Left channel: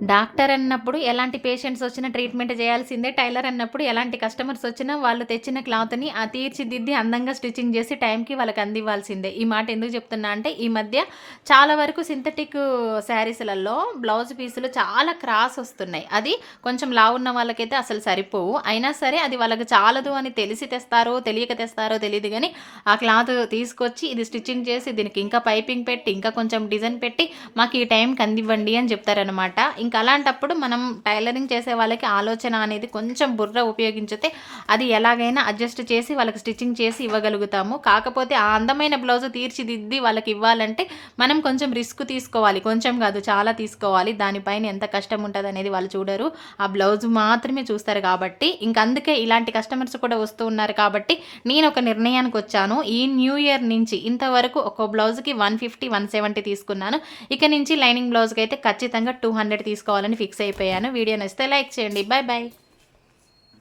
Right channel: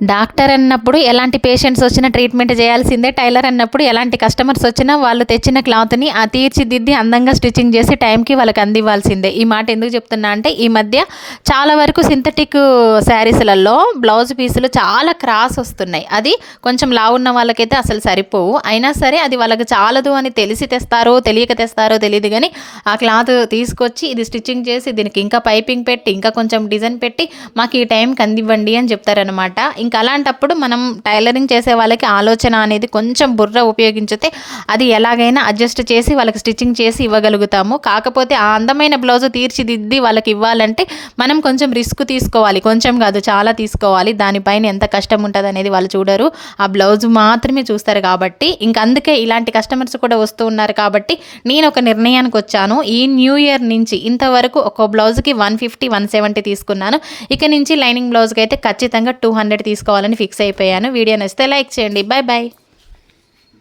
Doctor అన్నప్పుడు ఎలాంటి patients వచ్చినా ట్రీట్మెంట్ చేయాల్సిందే. టైలర్ అన్నప్పుడు ఎలాంటి కస్టమర్స్ వచ్చినా వాళ్ళు తెచ్చిన క్లాత్‌ని తీర్చిదిద్ది అందంగా స్టిచ్చింగ్ చేసి టైంకి వాళ్ళకి అందివ్వాల్సిందే. ఈ మాట ఎందుకు చెప్తున్నా అంటే ఈ మధ్య చాలా వరకు సింథటిక్ శారీస్‌లలో బ్లౌజ్ పీసులు చాలా క్రాస్ వస్తున్నాయి. అది కొంచెం లావున్న వాళ్ళకైతే అసలు సరిపోవు. అయినా సరే అది వాళ్ళకి చాలదు అని తెలిసి తెస్తారో, తెలియక తెస్తారో తెలీదు గానీ ఆ క్లాత్ తీసుకొచ్చి ఇది స్టిచ్చింగ్ చేసి దీనికి ఇంకా పైపింగ్ పెట్టి, ఇంకా కొంచెం డిజైన్ పెట్టి మాకు ఈ టైంకి అందివ్వండి అని చెప్తారనమాట. ఇంకా అలాంటప్పుడు మనం టైలరింగ్ చేసే వాళ్ళకి ఆలోచన అనేది కొంచెం బుర్ర ఉపయోగించితే అది ఎలాగైనా అడ్జస్ట్ చేసి వాళ్ళకి స్టిచ్చింగ్ చేసి ఇవ్వగలుగుతాము. కాకపోతే ఆ అందమైన బ్లౌజ్ తీర్చిదిద్ది వాళ్ళకి ఇవ్వాలంటే మనం కొంచెం రిస్క్ తీసుకోవాలి. కొంచెం కాదు చాలా తీసుకోవాలి. దానిపైన ఎంత కష్టం ఉంటుంది అనేది వాళ్ళు చూడరు. ఆ బ్లౌజ్ మాత్రమే చూస్తారు కాబట్టి ఇంక అందుకే ఇలాంటి కస్టమర్స్ కూడా వస్తూ ఉన్నారు కాబట్టి నేను ఒక నిర్ణయానికి వచ్చాను. ఈ న్యూ ఇయర్ నుంచి ఇంతవరకు ఒక బ్లౌజ్కి 150, 170 తీసుకున్నాను. ఇక నుంచి లైనింగ్ బ్లౌజ్కి అయితే ఖచ్చితంగా 200 తీసుకోవాలని ఫిక్స్ అయిపోయాను. వీడియో నచ్చితే లైక్ చేయండి. Bye bye.